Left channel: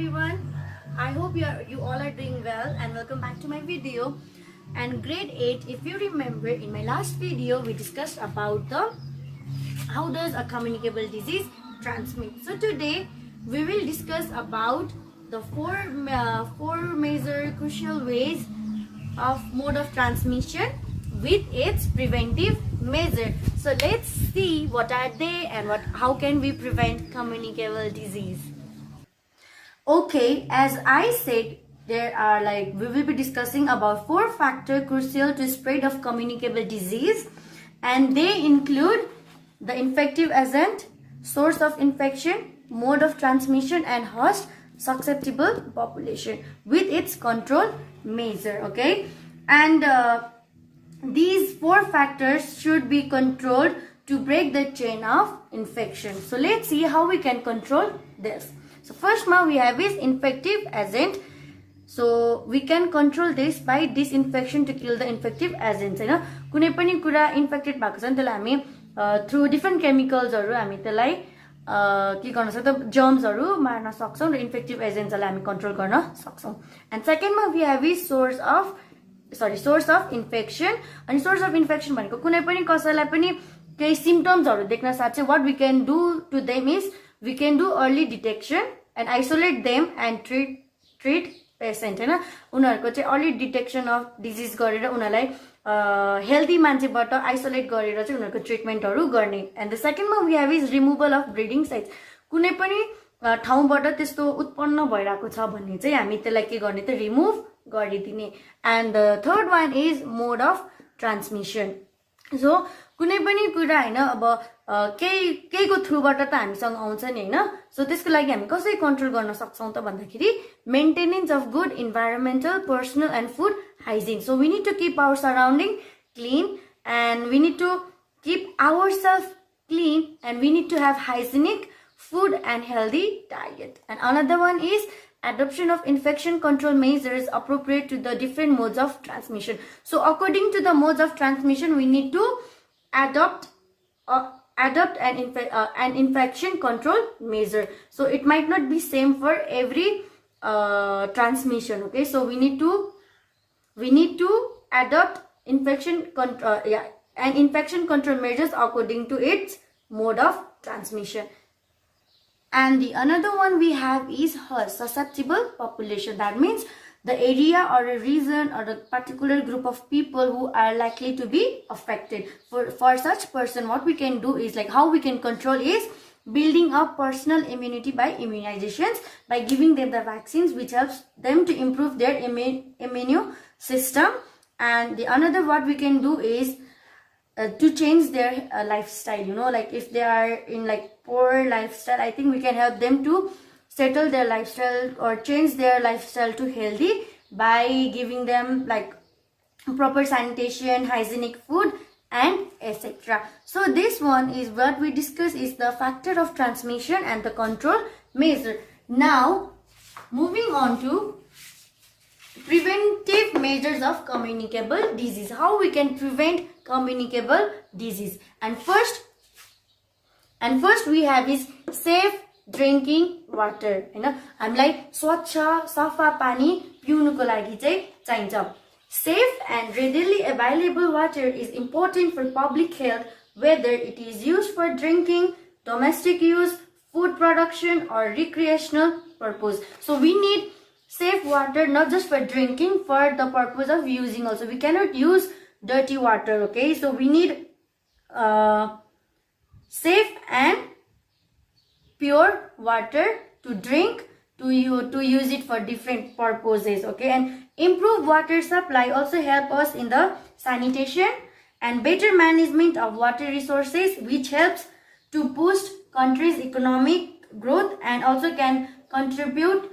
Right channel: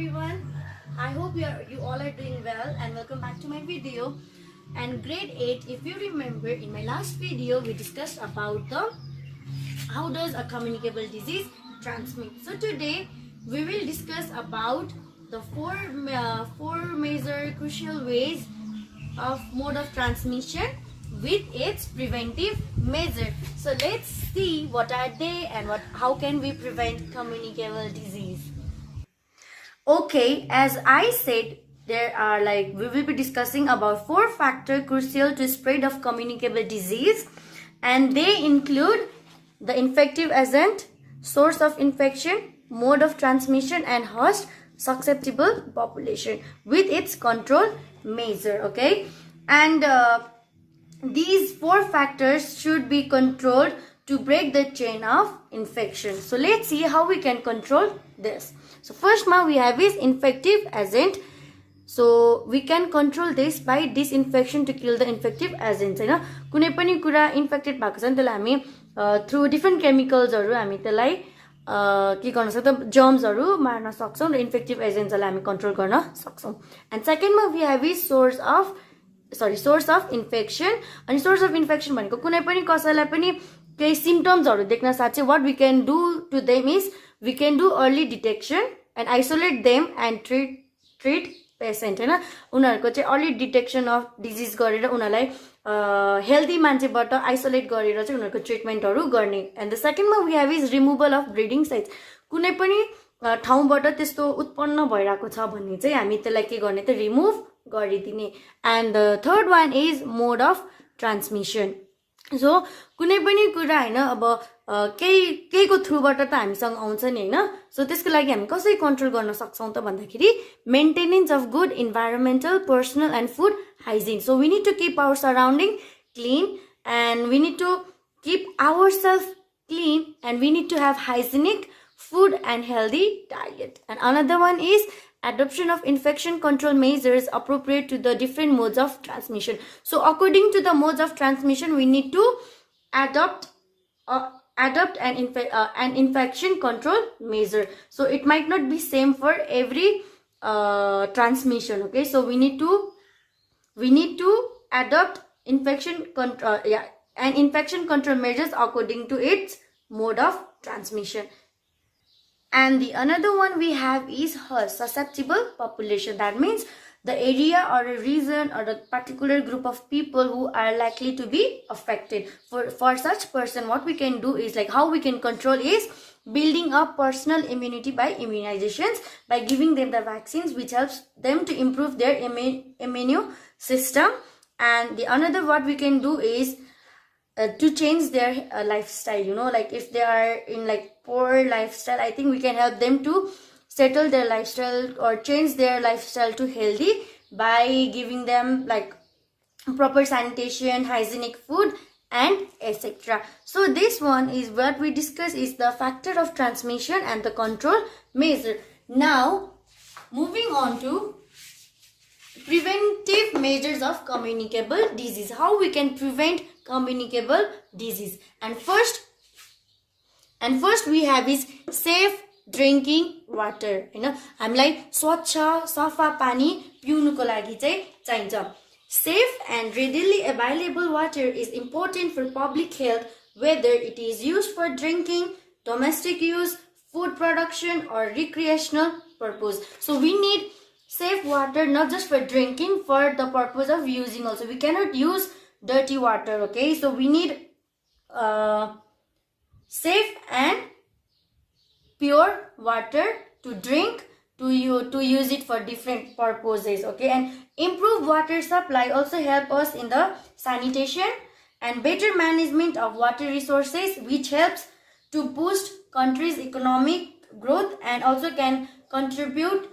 everyone. I hope you all are doing well and welcome back to my video. And grade 8, if you remember, in my last video we discussed about the how does a communicable disease transmit. So today we will discuss about the four major crucial ways of mode of transmission with its preventive measure. So let's see what are they and how can we prevent communicable disease. Okay, as I said, there are we will be discussing about 4 factors crucial to spread of communicable disease, and they include the infective agent, source of infection, mode of transmission, and host susceptible population with its control measure. Okay, and these 4 factors should be controlled to break the chain of infection. So let's see how we can control this. So first one we have is infective agent. So we can control this by disinfection to kill the infective agents. हैन कुनै पनि कुरा infected भएको छ नि त्यसलाई हामी through different केमिकल्सहरु हामी त्यसलाई के गर्न सक्छौं जर्म्सहरु मार्न सक्छौं र इन्फेक्टिभ एजेन्ट्सलाई हामी कन्ट्रोल गर्न सक्छौं. एन्ड सेकेन्डमा we have is source of infection. अनि सोर्स अफ इन्फेक्सन भनेको कुनै पनि कसैलाई पनि केही सिम्पटम्सहरु देख्न साथ चाहिँ what we can do to them is we can do early detection and isolate them and treat patient हैन उनीहरुको चाहिँ early detection of disease गरेर उनीहरुलाई healthy मान्छेबाट isolate गरेर चाहिँ उनीहरुको ट्रिटमेन्टहरु गर्ने. And the second one we have is removal of breeding sites. कुनै पनि ठाउँबाट त्यस्तो उत्पन्न भइराको छ भन्ने चाहिँ हामी त्यसलाई के गर्ने त रिमुभ गरिदिने. And the third one is mode of transmission. So कुनै पनि कुरा हैन अब केहीको थ्रुबाट त हामीसँग आउँछ नि हैन. सो त्यसको लागि हामी कसरी कन्ट्रोल गर्न सक्छौं त भन्दाखेरि maintenance of good environmental personal and food hygiene. So we need to keep our surrounding clean and we need to keep ourself clean and we need to have hygienic food and healthy diet. And another one is adoption of infection control measures appropriate to the different modes of transmission. So according to the modes of transmission, we need to adopt an infection control measure. So it might not be same for every transmission. Okay, so we need to adopt infection control measures according to its mode of transmission. And the another one we have is susceptible population. That means the area or a region or a particular group of people who are likely to be affected. For such person, what we can do is how we can control is building up personal immunity by immunizations, by giving them the vaccines which helps them to improve their immune system. And the another what we can do is to change their lifestyle, if they are in poor lifestyle, I think we can help them to settle their lifestyle or change their lifestyle to healthy by giving them proper sanitation, hygienic food, and etc. So this one is what we discuss is the factor of transmission and the control measure. Now moving on to preventive measures of communicable disease. How we can prevent communicable disease. And first we have is safe drinking water. हामीलाई स्वच्छ सफा पानी पिउनुको लागि चाहिँ चाहिन्छ. Safe and readily available water is important for public health, whether it is used for drinking, domestic use, food production, or recreational purpose. So we need safe water not just for drinking, for the purpose of using also. We cannot use dirty water. Okay, so we need safe and pure water to drink, to use it for different purposes. Okay, and improved water supply also help us in the sanitation and better management of water resources, which helps to boost country's economic growth and also can contribute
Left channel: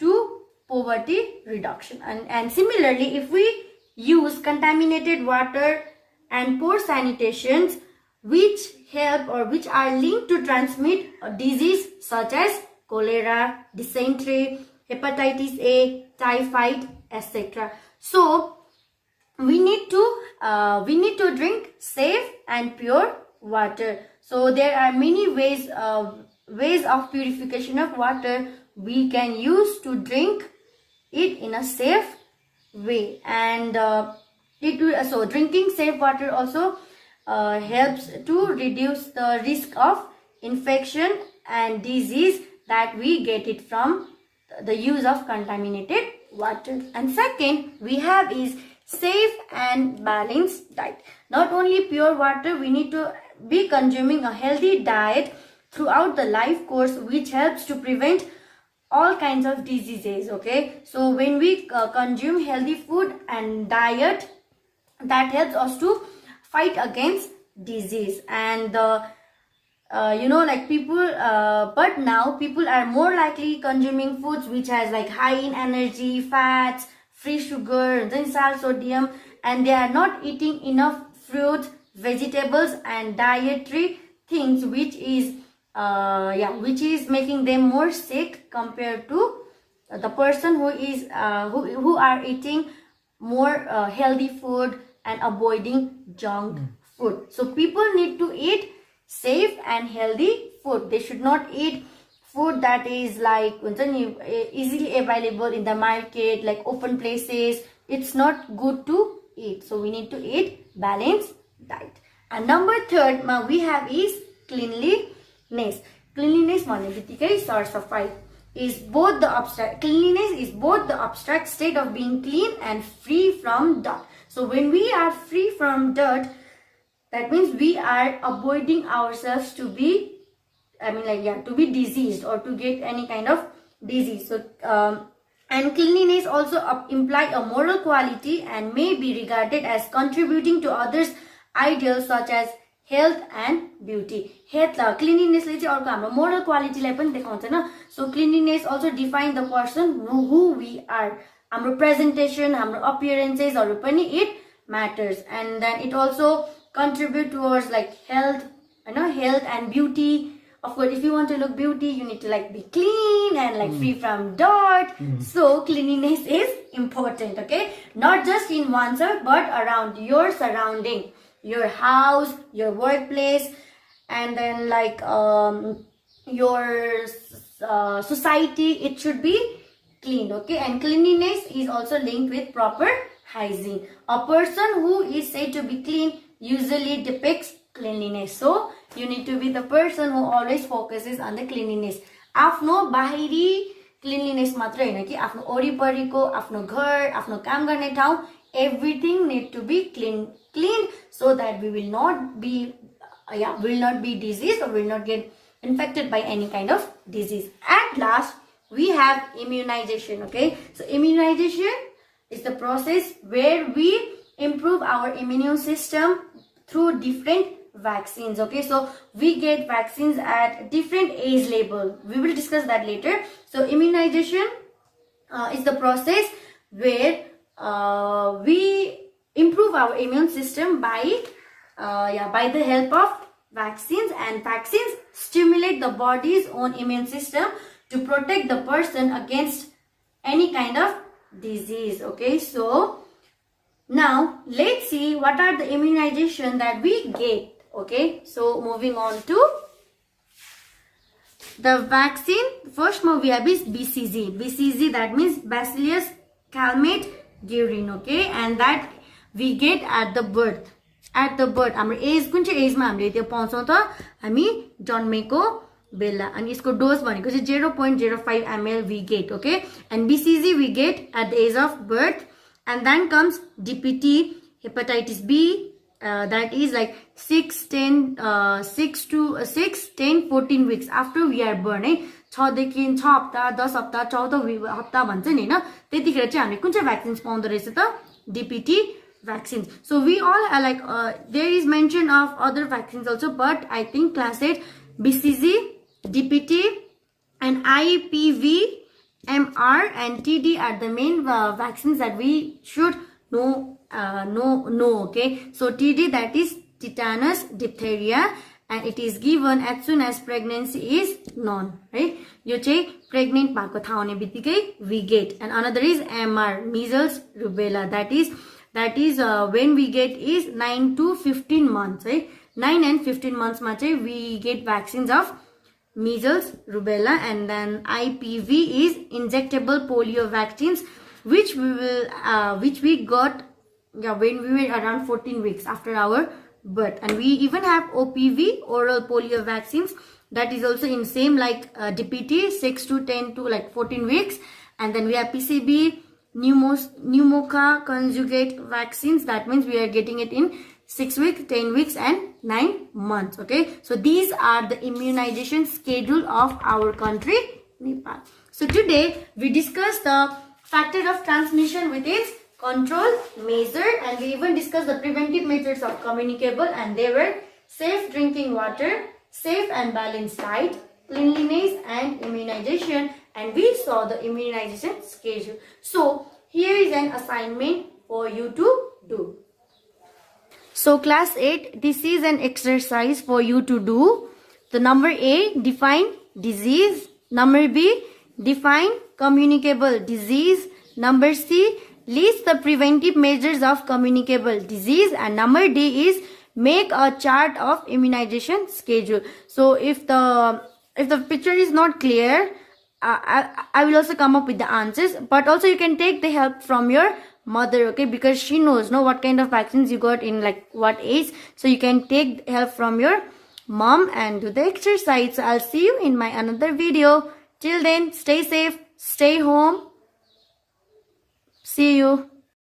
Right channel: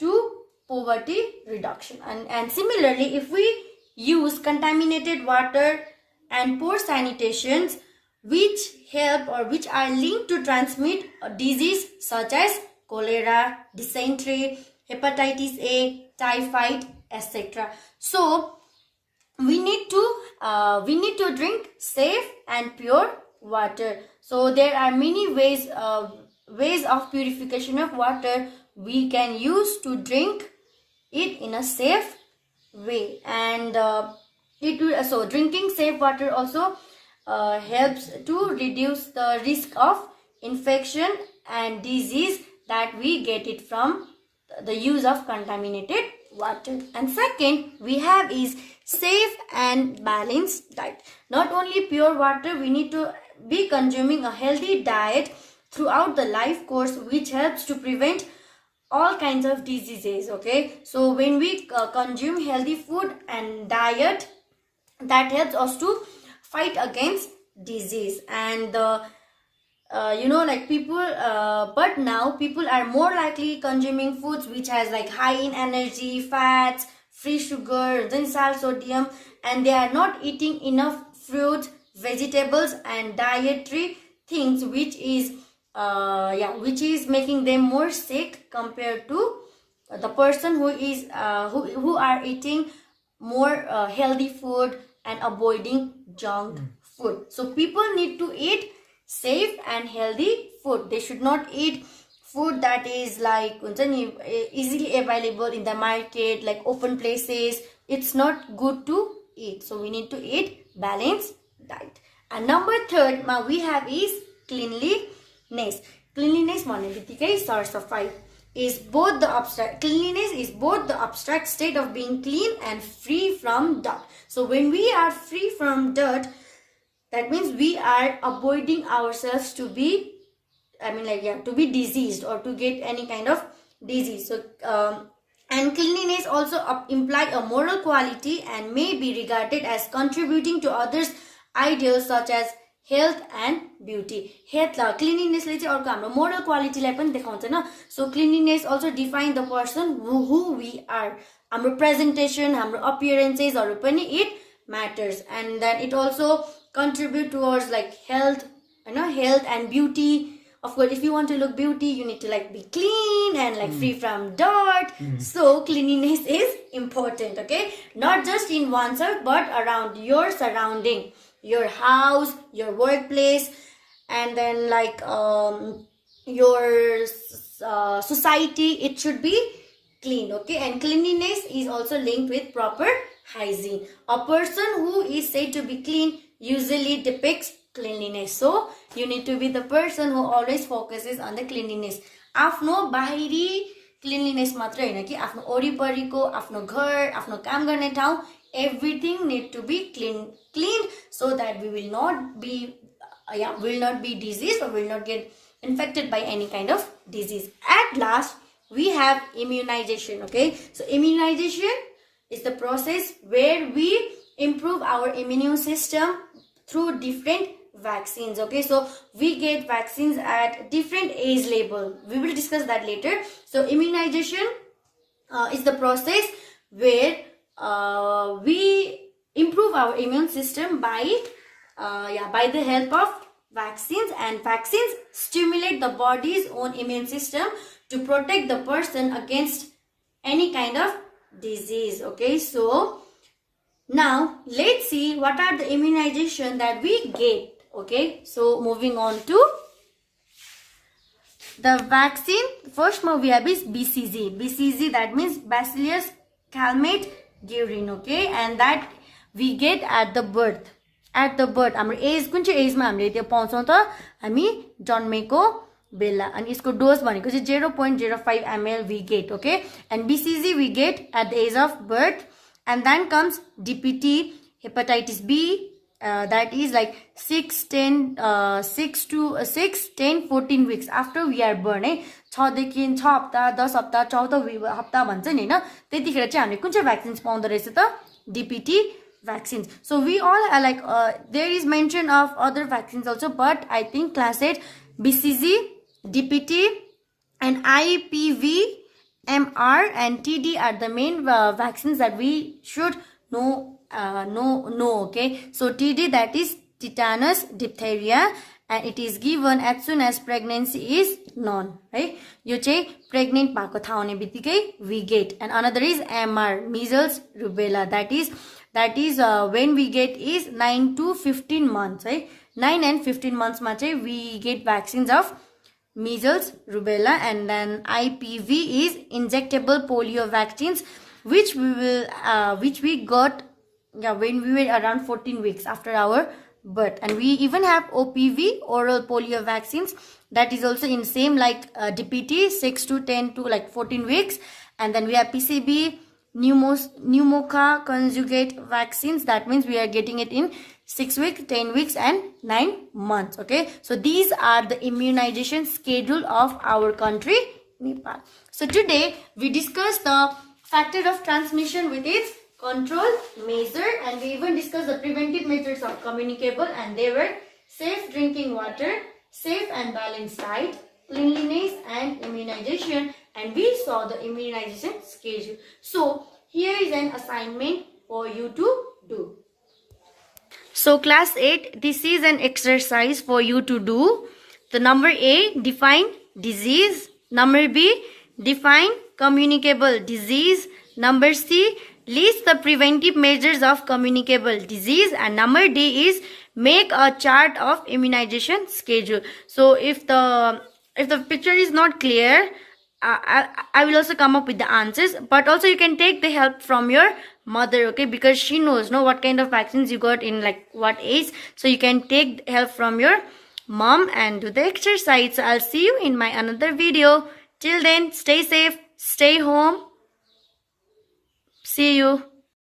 to poverty reduction. And similarly, if we use contaminated water and poor sanitations which help or which are linked to transmit a disease such as cholera, dysentery, hepatitis A, typhoid, etc. So we need to drink safe and pure water. So there are many ways of purification of water we can use to drink it in a safe way. And so drinking safe water also helps to reduce the risk of infection and disease that we get it from the use of contaminated water. And second we have is safe and balanced diet. Not only pure water, we need to be consuming a healthy diet throughout the life course, which helps to prevent all kinds of diseases. Okay, so when we consume healthy food and diet, that helps us to fight against disease. And like people but now people are more likely consuming foods which has like high in energy, fats, free sugar, then salt, sodium, and they are not eating enough fruit, vegetables and dietary things, which is which is making them more sick compared to the person who is who are eating more healthy food and avoiding junk food. So people need to eat safe and healthy food. They should not eat food that is like easily available in the market, like open places. It's not good to eat. So we need to eat balanced diet. And number third we have is cleanliness. Cleanliness is both the abstract. Cleanliness is both the abstract state of being clean and free from dirt. So when we are free from dirt, that means we are avoiding ourselves to be, to be diseased or to get any kind of disease. So and cleanliness also imply a moral quality and may be regarded as contributing to others' ideals such as health and beauty. Cleanliness ले चाहिँ अर्को हाम्रो moral quality लाई पनि देखाउँछ न. So cleanliness also define the person who we are. हाम्रो presentation, हाम्रो appearances हरू पनि it matters. And then it also contribute towards like health, health and beauty. Of course, if you want to look beauty, you need to like be clean and like free from dirt. So cleanliness is important, okay? Not just in oneself, but around your surrounding, your house, your workplace, and then like your society. It should be clean, okay? And cleanliness is also linked with proper hygiene. A person who is said to be clean usually depicts cleanliness. So you need to be the person who always focuses on the cleanliness. आफ्नो बाहिरी cleanliness मात्र हैन कि आफ्नो वरिपरिको, आफ्नो घर, आफ्नो काम गर्ने ठाउँ, everything need to be cleaned so that we will not be diseased or will not get infected by any kind of disease. At last we have immunization, okay? So immunization is the process where we improve our immune system through different vaccines, okay? So we get vaccines at different age level. We will discuss that later. So immunization is the process where we improve our immune system by the help of vaccines, and vaccines stimulate the body's own immune system to protect the person against any kind of disease, okay? So now let's see what are the immunization that we get, okay? So moving on to the vaccine. First we have is BCG. BCG, that means Bacillus calmette guerin, okay? And that we get at the birth. हाम्रो as कुन चाहिँ asthma हामीले त्यो पाउँछौं त, हामी जन्मेको बेला. अनि यसको डोज भनेको चाहिँ 0.05 ml we get, okay? And BCG we get at the age of birth. And then comes DPT, hepatitis B, that is like 6, 10, 14 weeks after we are born. 6 देखि 6 हप्ता, 10 हप्ता, 14 हप्ता भन्छ नि हैन, त्यतिखेर चाहिँ हामीले कुन चाहिँ भ्याक्सिन्स पाउँदो रहेछ त, DPT vaccines. So we all are like there is mention of other vaccines also, but I think class 8 BCG, DPT and IPV, MR and TD are the main vaccines that we should know, okay? So TD, that is tetanus, diphtheria, and it is given as soon as pregnancy is known, right? यो चाहिँ pregnant भएको थाहा हुने बित्तिकै we get. And another is MR, measles, rubella, that is when we get is 9 to 15 months, right? 9 and 15 months मा चाहिँ we get vaccines of measles, rubella, and then IPV is injectable polio vaccines, which we got when we were around 14 weeks after our birth. And we even have OPV, oral polio vaccines, that is also in same like DPT, 6 to 10 to like 14 weeks. And then we have PCB, pneumoca conjugate vaccines, that means we are getting it in 6 weeks, 10 weeks and 9 months. Okay, so these are the immunization schedule of our country, Nepal. So today we discussed the factor of transmission with its control measure, and we even discussed the preventive measures of communicable, and they were safe drinking water, safe and balanced diet, cleanliness and immunization, and we saw the immunization schedule. So here is an assignment for you to do. So class 8, this is an exercise for you to do. The number A, define disease. Number B, define communicable disease. Number C, list the preventive measures of communicable disease. And number D is make a chart of immunization schedule. So if the picture is not clear, I will also come up with the answers, but also you can take the help from your mother, okay, because she knows what kind of vaccines you got in like what age. So you can take help from your mom and do the exercise. So I'll see you in my another video. Till then, stay safe, stay home. See you.